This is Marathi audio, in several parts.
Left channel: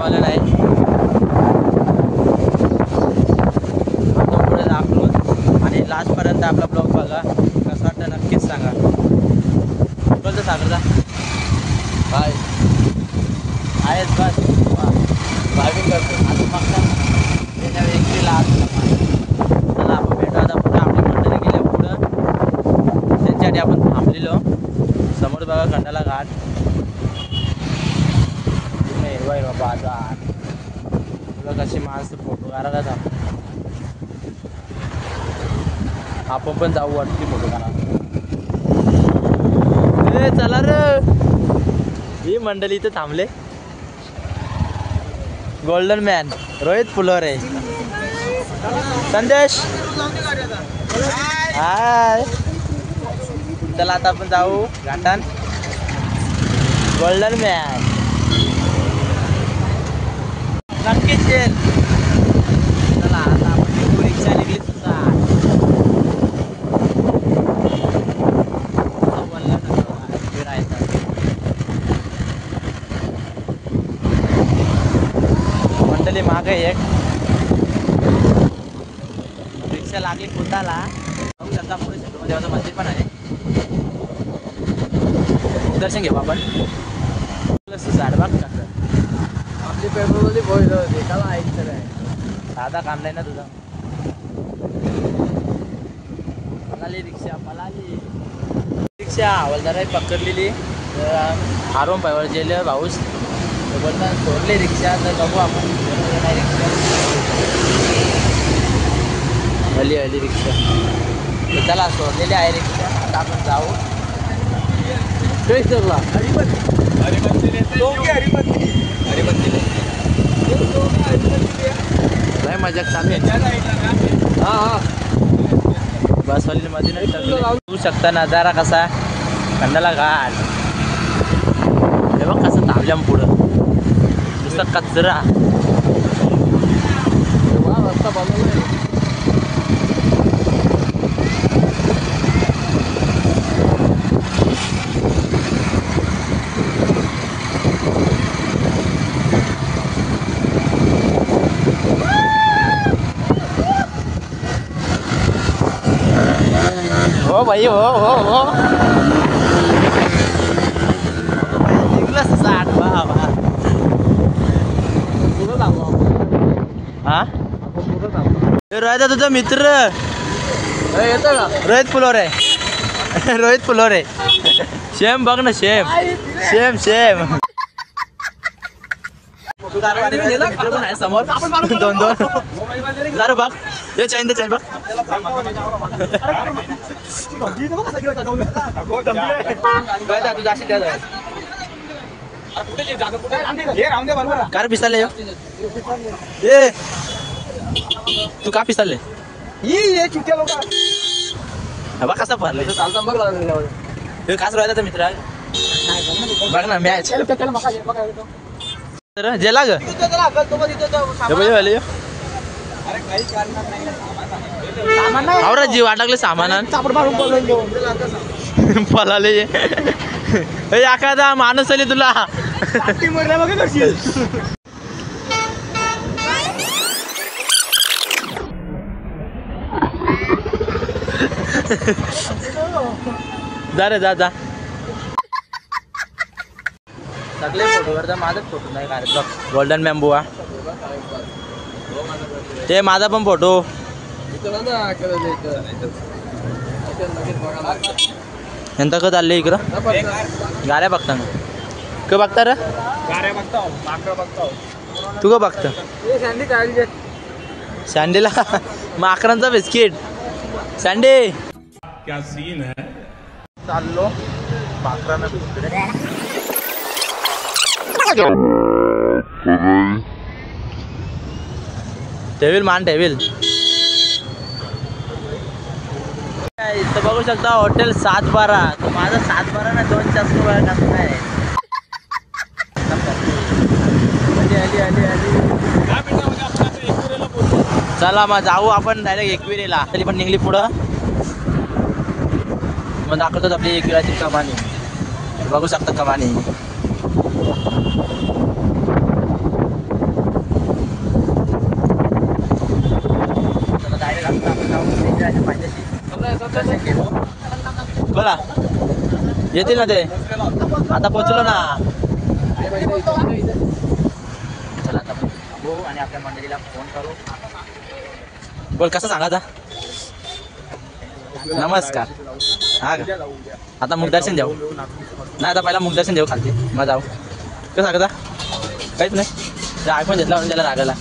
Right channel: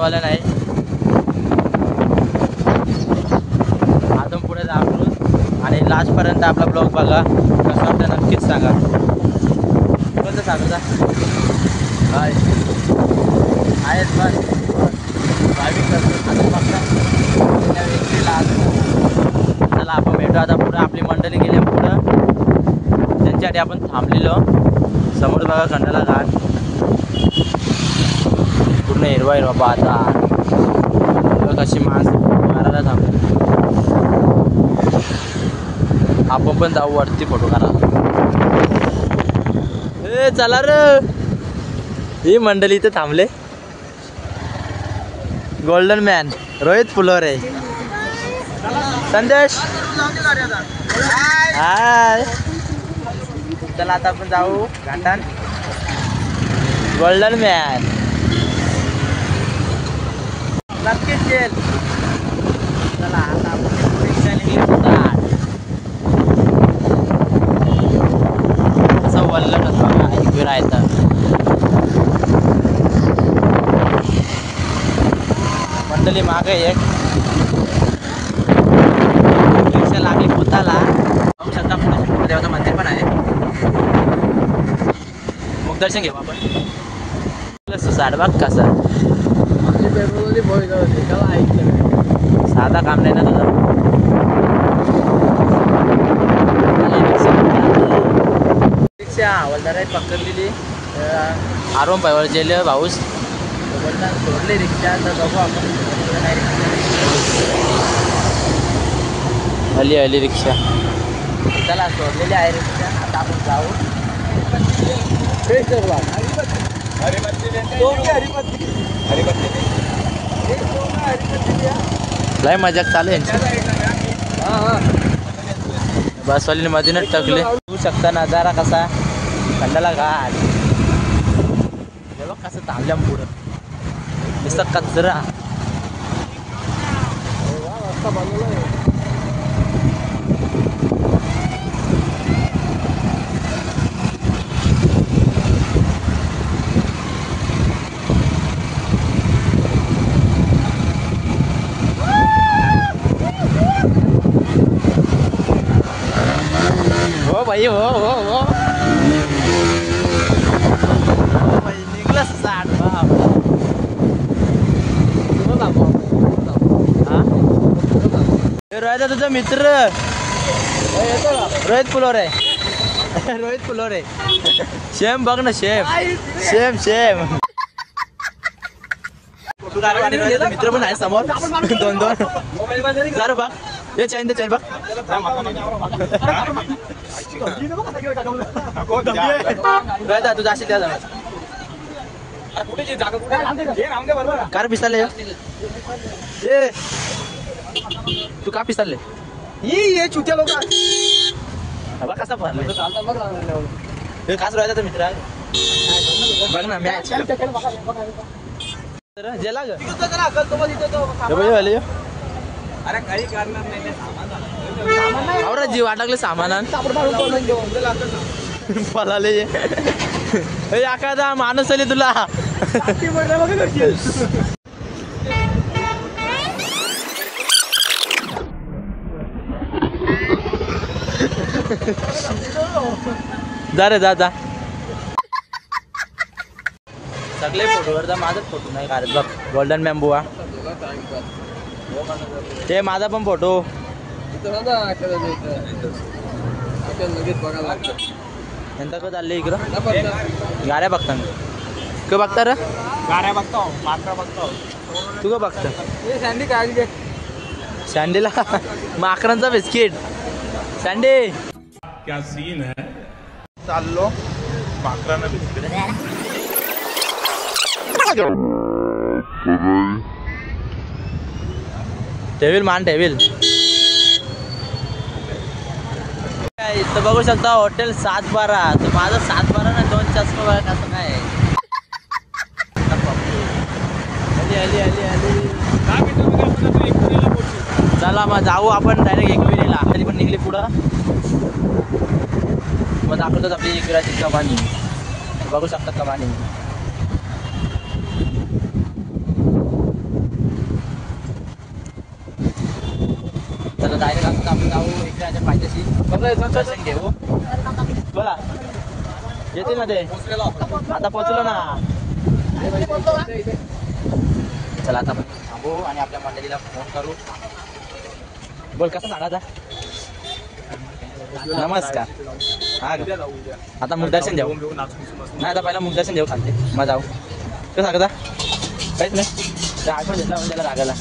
बनवायला नाही, अजून पुढे दाखवू आणि लास्टपर्यंत आपला ब्लॉग बघा, कसं वाटतं नक्कीच सांगा. कोणतं सागरचा काय आहेच बस ड्रायव्हिंग करतो अजून मग एकटीला. चला आपण भेटू आता पुढं. आपली मंडळी गेल्या पुढं, त्यांच्यासाठी आपण थांबलेलो. समोर बघा खंडाला घाट, पूर्ण हिरवा हिरवा पाहता कशी मास घराला थांबली. आपण पण जाऊ वरती फोटो काढा. ए चला रे, ही मंडळी इथे थांबले. गोल्डन मॅन रोहित फुलोरे, संदेश हाय. चला आता आपण जाऊ घाटान. गोल्डन मॅन नक्कीच येईल. चला आता आपण रिक्षा निघली असं वल्लट फिरायचं. मंडळी मागे एक रिक्षा लागली पुताला. बघू शकता पुणे देवाचं मंदिर पण आहे. दर्शन घेऊ आपण. साडबाग कसा साधा काम नाही ना तुझं. रिक्षा हवालदार आहे पकडलेली, आरोम पायवर गेले भाऊस बोलता सोडली रिक्षा. तर बघू आपण नाही रिक्षा आली आली रिक्षा. त्याला सोडलेली आहे रिक्षा. आता आपण जाऊ. लय मजाक चालू आहे. बसवाली मधूनच टकले. बघू शकता नजारा कसा, खंडाला घाट. हे बघ कसं थांबल्या पुढं नुसतं कचरा. हो भाई हो हो हो भाई निघलं 60. हा रोहित तुझा मित्र रोहित फुलोरे. रोहित फुलोरे शेम बघ ना, शेम शेम शेम. मित्र पण आहे समोर. दोन दोन जरा बघ हे चाईन ते चाईन बघ. तू जाशील त्याला कार पिसाले. ए तू का पिसाले ये चुट्या लोक बघ कसा भरले. काच राहिला मित्र बघ ना मॅच जेला ग आवरा जीव अडकले सामानान पलाले. एखादा माणूस आले तुला. जा रे जा जा. सगळे फोटोवर तर माझाच फोटो नाही काढत बघ. गोल्डन मॅम्बुआ ते माझा पण फोटो. ఎంత కదా అల్లే ఇక్కడ गाड्या बघता ना का बघता रे गाड्या बघतो माकड बघतो तू का बघता हे सँडी काय सँडीला माकडांचा बिस्किट सँडी क्या सीन है चाललो माकडांना बिस्किट टेविल मान टेविल इथं बघू शकता हॉटेल 712. तर माझा 712 ना 2 चष्मा बघा कसं काय. आली आली आली आली. चला मग जाऊ आपण डायरेक्ट एकविरेला. तरी पण निघली पुढं मग दाखवतात आपली एकविराची कमानी. बघू शकता कमानी याच्या पाहिजेशी दर्शन घेऊ. बोला येतील ना ते. आता पोचलो ना. चला आता आपण थांबू आणि आपल्या मंडळीला फोन करू. बोल कसं सांगा आता. नमस्कार. हा आता मुखदर्शन देऊ. नाही आता पहिला मुखदर्शन देऊ खालते मग जाऊ. कसं सांगता काहीच नाही. आयफोन घेतला म्हणून त्याला रागायला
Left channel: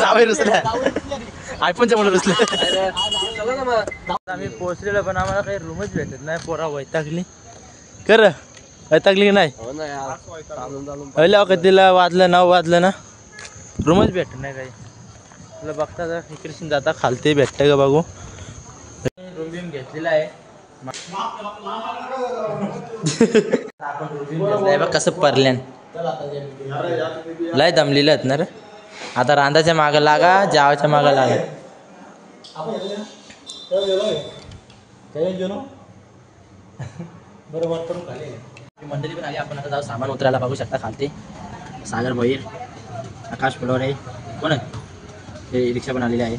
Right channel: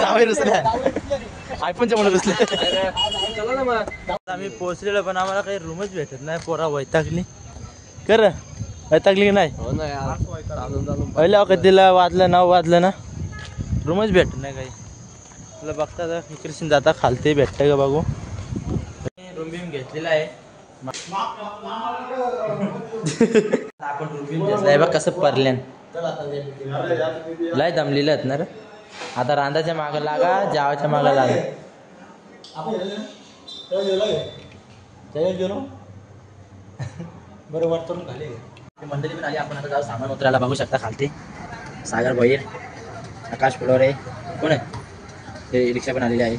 जावई रुसल्या. आयफोनच्या म्हणून रुसले. आम्ही पोहोचलेलो पण आम्हाला काही रूमच भेटत नाही. पोरा वैतागली कर वैतागली की नाही. पहिल्या कधीला वाजलं 9 वाजलं ना रूमच भेटत नाही काही. तुला बघता तर इकडे जाता खालते भेटतं का बघू. रूम बिम घेतलेला आहे आपण. रूम बिम घेतलाय बघ कसं परल्यान. लय दमलेलं आहेत ना रे. आता रांधाच्या मागं लागा जावाच्या मागं लागा. बरोबर मंडळी पण आली. आपण आता जाऊ सामान उतरायला. बघू शकता खालते सागर भैर आकाश फुलवरे कोण आहे. हे रिक्षा पण आलेली आहे.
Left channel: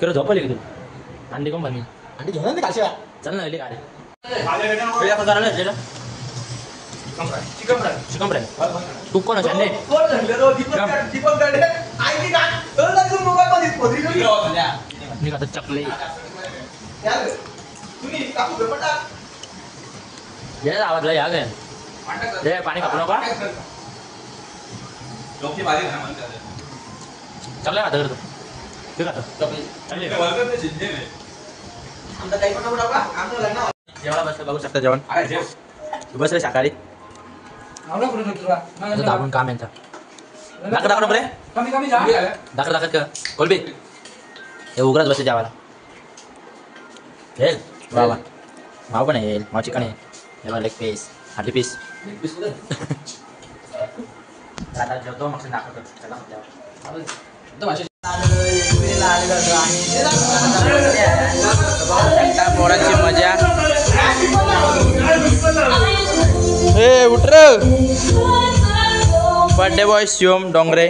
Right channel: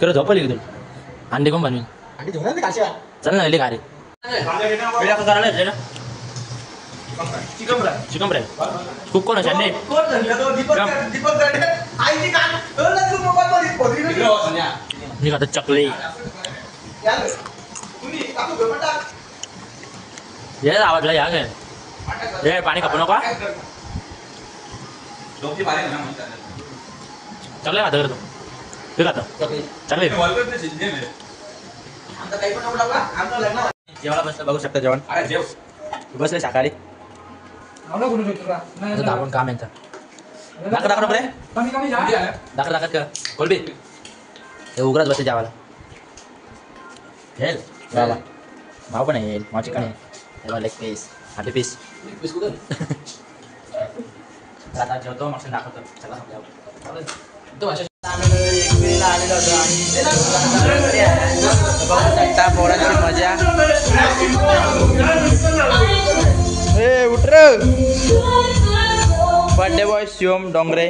खरं झोपली की तू अंडी कोण बनवी. अंडी घेऊन चल ना का रे. चिकन फ्राय खूप कोण आहे. आता चकले आवडलं या काय पाणी कापू नका. चकले खाता करतो ते खाता चकले जेवायला बसलं. बघू शकता जेवण बस रे शाकाहारी. दाबून काम आहे दाखव दाखव रे. दाखव दाखव का कोलबी हे उघडच बसते जेवायला. हेल बाबा माव पण आहे. माव चिकन आहे. हे लेग पीस हार्टी पीस. आता जेवतो मग दाखवतो. आलेलो होतो आणि पोरांची मजा. हे उठ रे. Birthday boy Shivam Dongre.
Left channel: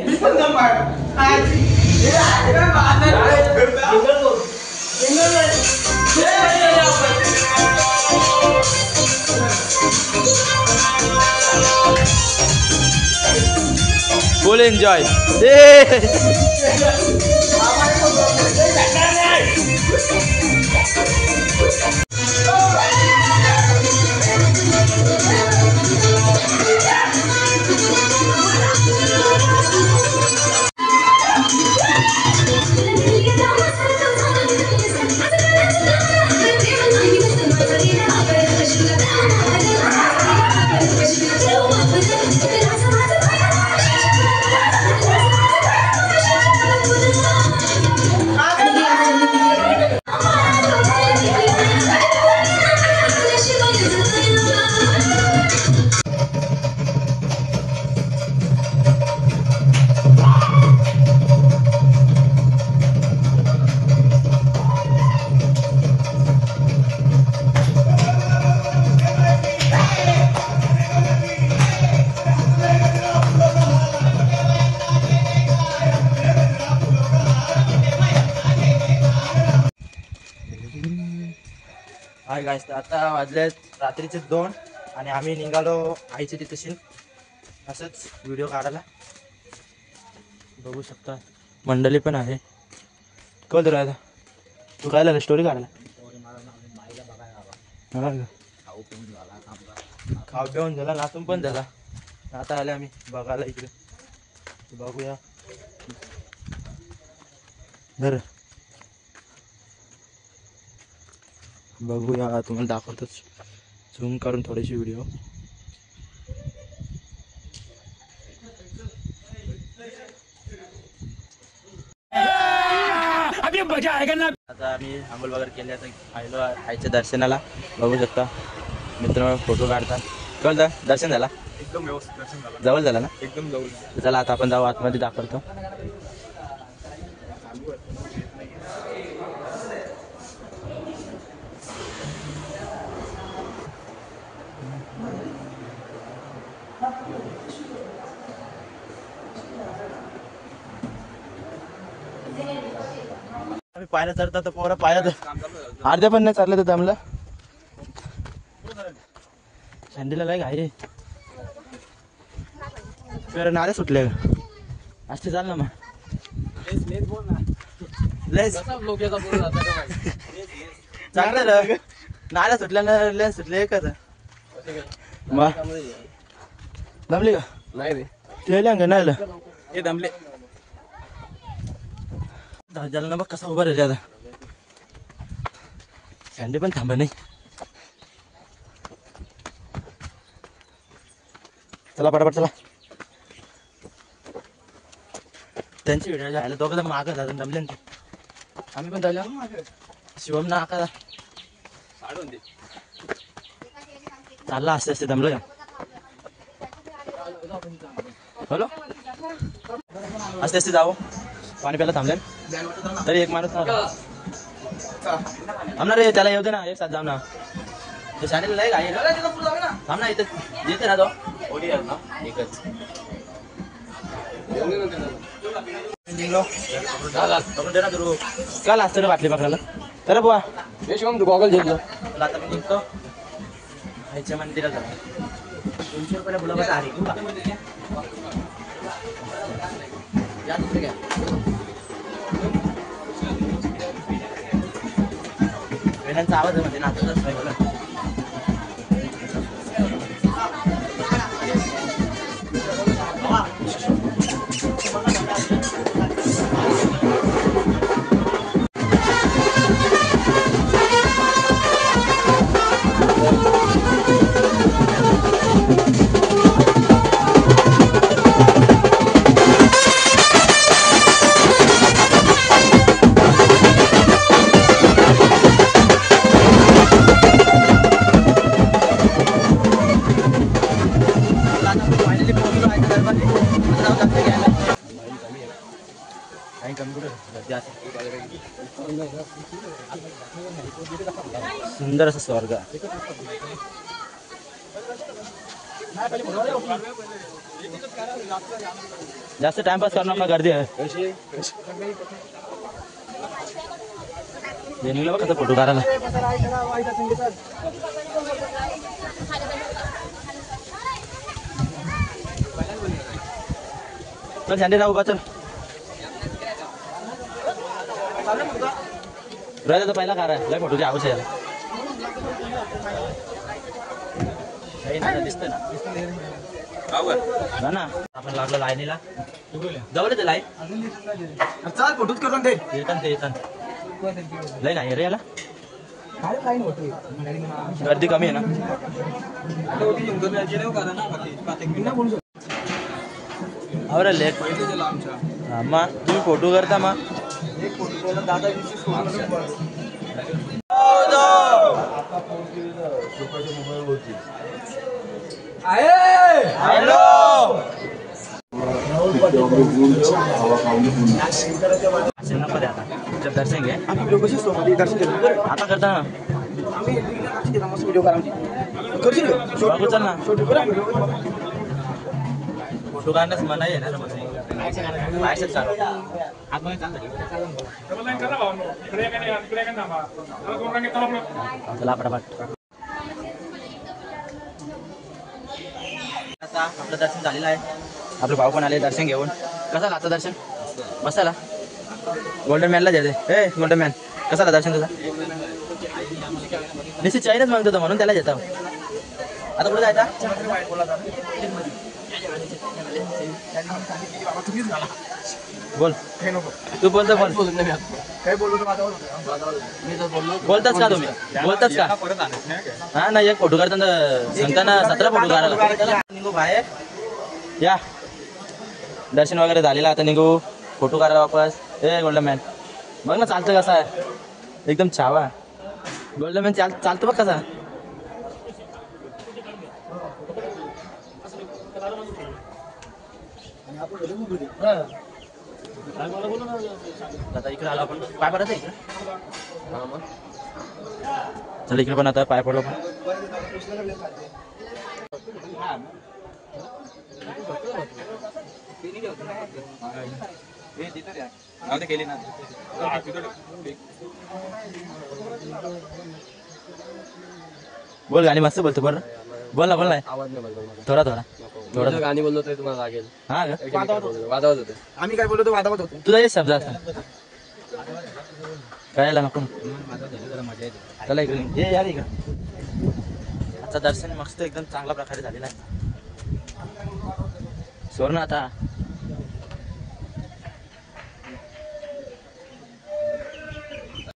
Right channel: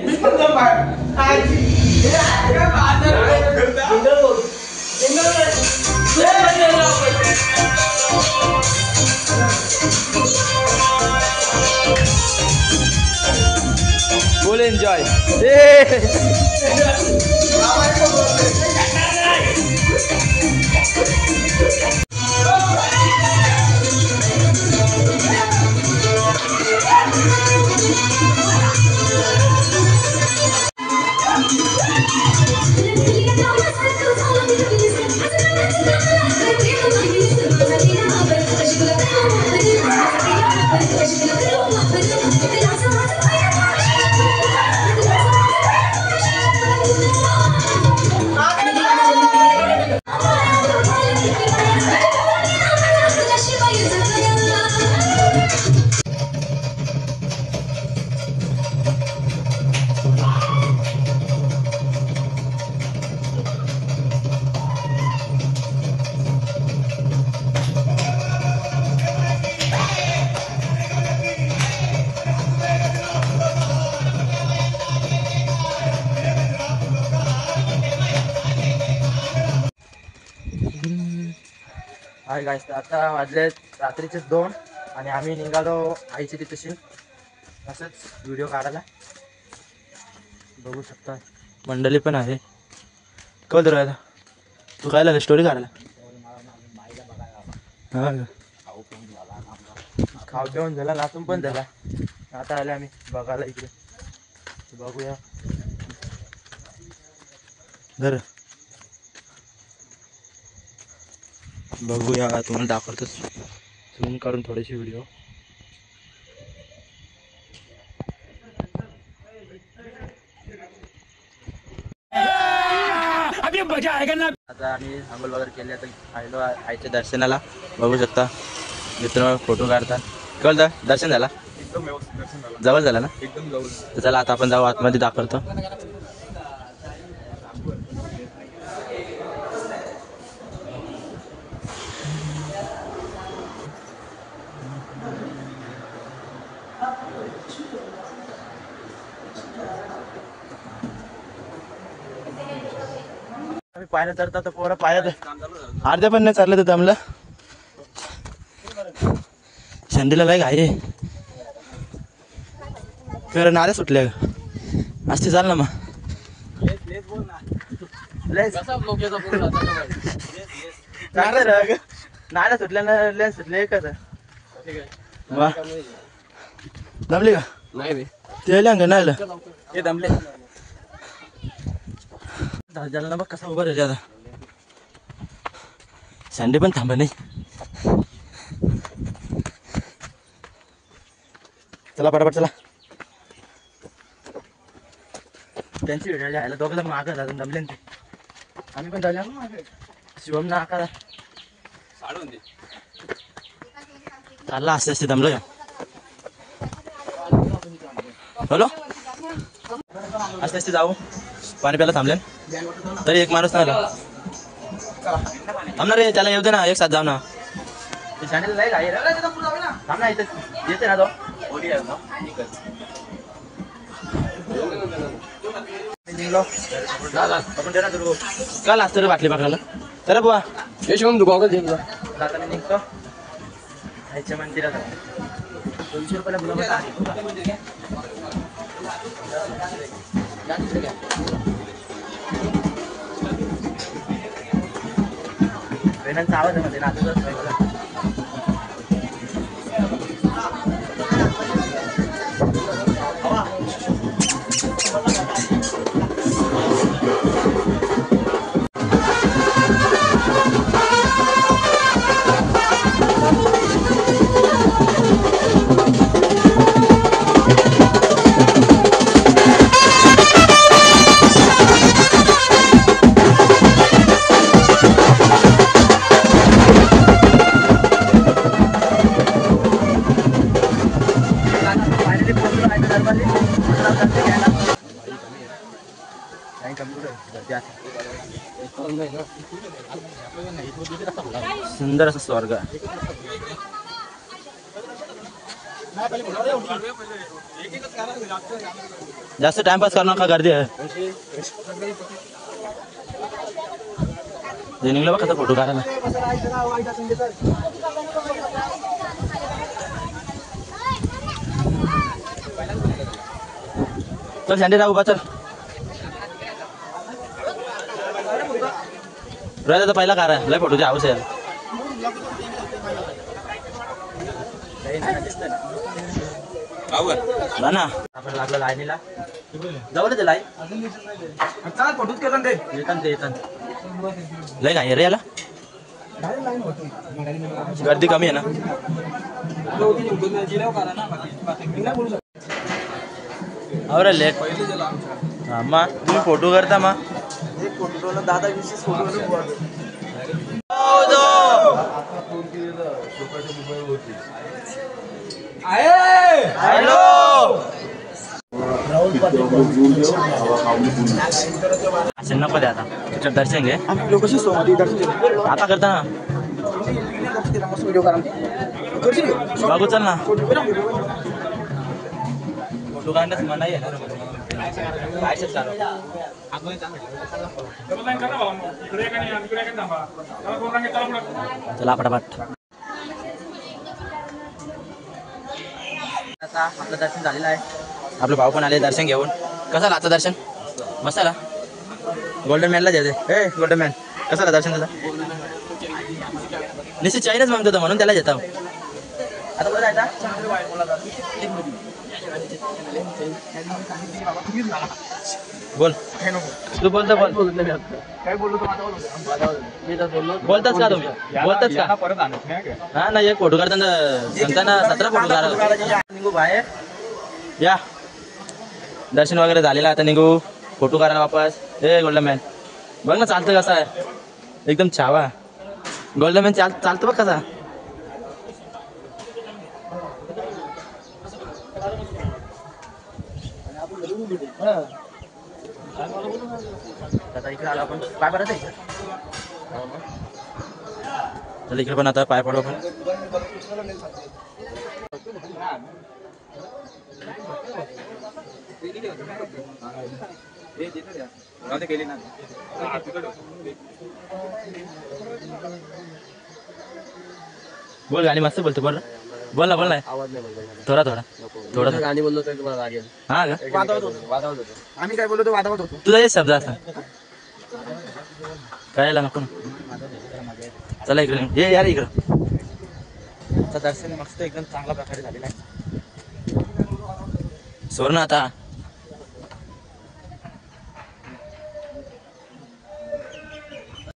Full enjoy. Hi guys, आता वाजले रात्रीचे 2 आणि आम्ही निघालो आईची तिथेशी असंच व्हिडिओ काढायला. बघू शकता मंडळी पण आहे. कळ तर राहिला तू काय स्टोरी काढायला. खाऊ पिऊन झाला नाचून पण झाला. आता आले आम्ही बघायला इकडे. बघूया बरं बघूया तुम्हाला दाखवतो झूम करून थोडीशी व्हिडिओ. आता आम्ही आंघोळ वगैरे केले तर आलो आईच्या दर्शनाला. बघू शकता मित्र फोटो काढतात. कळलं दर्शन झाला एकदम व्यवस्थित. दर्शन झाला जवळ झाला ना एकदम जवळ. चला आता आपण जाऊ आतमध्ये दाखवतो. पायला चढतात तर पोरं पायात अर्ध्या पण नाही चाललं तर दमलं. शंडीला लय घाई कर नाऱ्या सुटल्या असते चाल ना मग. चांगलं नाऱ्या सुटल्या लेन्स सुटले का दमली का नाही ते नाही हे दमले झालं ना बघ कसं उभं राहिलं आता. सँडी पण थांबा नाही. चला पटापट चला. त्यांची व्हिडिओ घ्यायला दोघं जण मागं जातात दमले ते. आम्ही पण दमले. शिवम ना आका चालला असते असते दमलो. हॅलो असते असते जाऊ पाणी प्यायला थांबले तरी एक माणूस नाही आला. थांब ना रे त्याला येऊ दे ना एक साथ जाऊ ना. शाळेला नाही घाई थांब ना इथं येते ना तो काल असतं रे बाटली बघायला तर बुवा शिवम तू गॉगल घेतो आता मी निघतो खायच्या मंदिरात 200 रुपयाला बोलावं आली वेणांचा आवाज मध्ये नाचत सुंदर असं स्वर्ग. जास्त टाइमपास करणार का गर्दी आहे निघलं बघ फोटो काढायला. चल झेंडे राहू बा चल राहिला पहिला कार आहे लय फोटोची आवश्यक आहे ना. आपण लागलं लाईनीला जवळ ते लाईन चाल फोटोच करतात ते येतात लय काय रे याला गर्दी कमी आहे ना. अरे लेट मा तुम्ही फोटो करता मा एक फोटो दादा विशेष असं नको दे आता तुझं दर्शन घे आता करता ना बाबू चल ना फोटो काढण्यास मनाई आहे ना. चला पटापट आता आपलं दर्शन झालेलं आहे. आपले भाऊ पण आले दर्शन घेऊन. कसं आला आता दर्शन मस्त आला. गोल्डन मॅनला जायचं हे गोल्डन मॅन कसं आला दर्शन तुझा निश्चित चायनाच म्हणत होता म्हणून त्याला येतो. आता पुढे जायचा बोल तू बोलता बोल बोलताच का तुम्ही बोलताच का हा नाही एक फोटो काढताना सांगताना 17 फोटो काढायला निघू बाहेर या. दर्शन वगैरे झालेलं आता निघू फोटो काढायला वापस. ए गोल्डन मॅन बघ ना चालतं कसं आहे एकदम छावा. गोल्डन मॅन चालतं बघ कसा. आता इकडे आलो आपण पाय पडत आहे चल इकडे पण आता पाय पडलो पण. बोल गाणी मस्त बोलतो बोल बोल ना थोडा थोडा थोडा गाणी बोललो तर तुम्हाला लागेल. हा का वाजवत होते. आम्ही काय बोलतो वादावत होतो. तुझा एक शब्द असा काय नको चला इकडे ये यार इकडं. आता दर्शन मस्त एकदम चांगल्या प्रकारे झालेलं आहे. सोड ना आता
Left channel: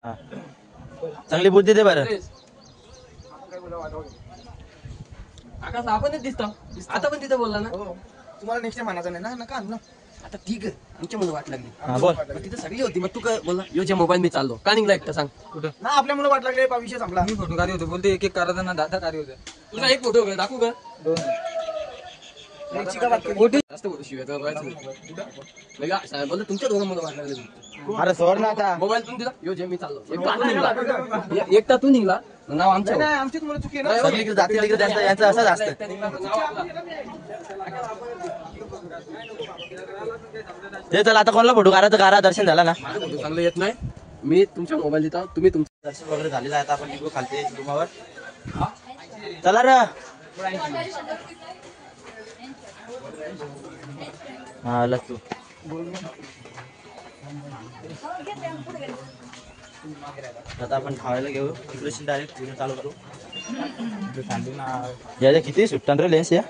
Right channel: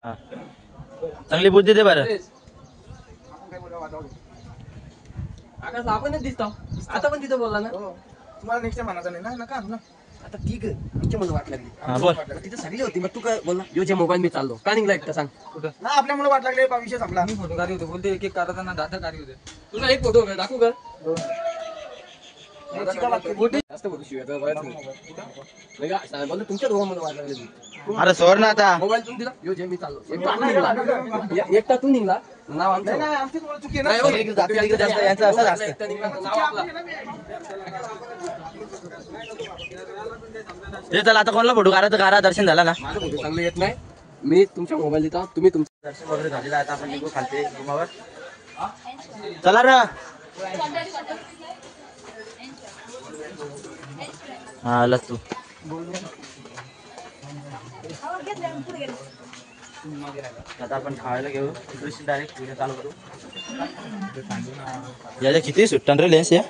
हा. चांगली बुद्धी दे बरं. आकाश आपणच दिसतो. आता पण तिथे बोलला ना. तुम्हाला नेक्स्ट टाइम म्हणायचं नाही ना नका आणू ना. आता ठीक आहे तुमच्या मला वाट लागली. हा बोल तिथे सगळी होती मग तू काय बोलला यो जे मोबाईल मी चाललो का निघला एकटा सांग कुठं ना आपल्या मुलं वाट लागले विषय संपला. मी फोटो काढले होते बोलते एक एक करायचं ना दादा कार्य होते तुला एक फोटो दाखवू का जास्त फोटो शिवाय बोलतो तुमच्या दोघांमध्ये वाट लागली. अरे सोड ना आता मोबाईल तुम्ही दिला यो जे मी चाललो एकटा तू निघला नाव आमचं नाही आमची तुम्हाला चुकी आहे ना. सगळी जाती तिकडे जास्त यांचं असंच असतं. ते चला आता कोणाला फोटो काढा तर काढा. दर्शन झाला ना माझा फोटो चांगला येत नाही मी तुमच्या मोबाईल देता तुम्ही तुमचं दर्शन वगैरे झालेलं आहे. आता आपण निघू खालते रूमावर. चला र हा आला तू आता आपण खायला घेऊ तिकडे डायरेक्ट व्हिडिओ चालू करू. याच्या किती सुट्टन रे लेन्स या.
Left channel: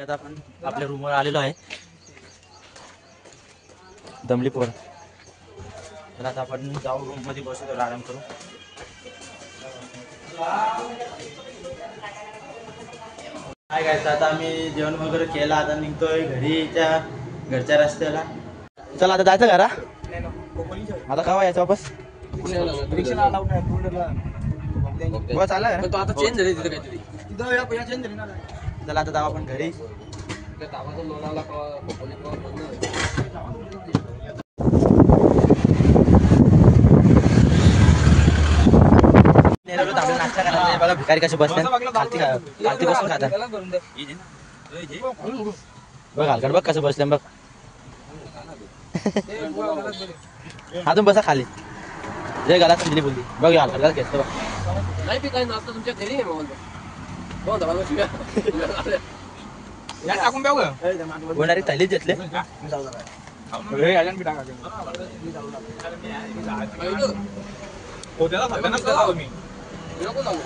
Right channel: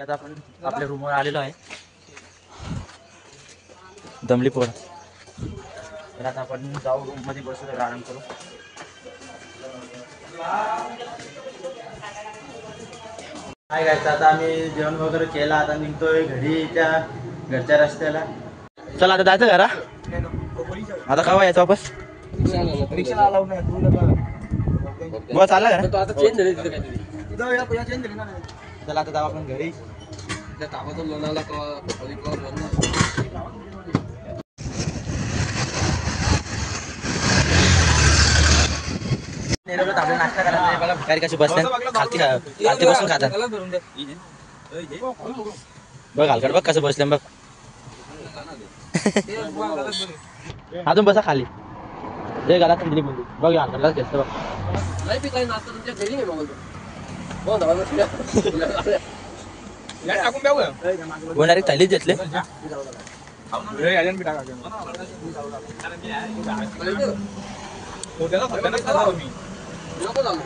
आता आपण आपल्या रूमवर आलेलो आहे दमली पोर. तर आता आपण जाऊ रूम मध्ये बसू तर आराम करू. काय काय आता आम्ही जेवण वगैरे केलं. आता निघतोय घरी त्या घरच्या रस्त्याला. चला आता जायचं घरा. आता केव्हा यायचं वापस रिक्षाला अलाउड नाही. टू व्हीलरला बस आला का. तो आता चेंज झाले तिथे काहीतरी तिथं या चेंज झाली ना. चला आता जाऊ आपण घरी. त्या गावातून लोणावळा आपल्याला नाश्ता करायला बघा भिकारी कशी बसतात खालती खालती बसून खातात. बघ हलकट बघ कसं बसल्या बघ. अजून बसा खाली. जे घरात दिली बोलली बघ हलकट घेतो बघ. नाही पित नाही नाश्ता तुमच्या घरी आहे मोबाईल कोण दबा डायरेक्ट थैलीच घेतले. नको जाऊ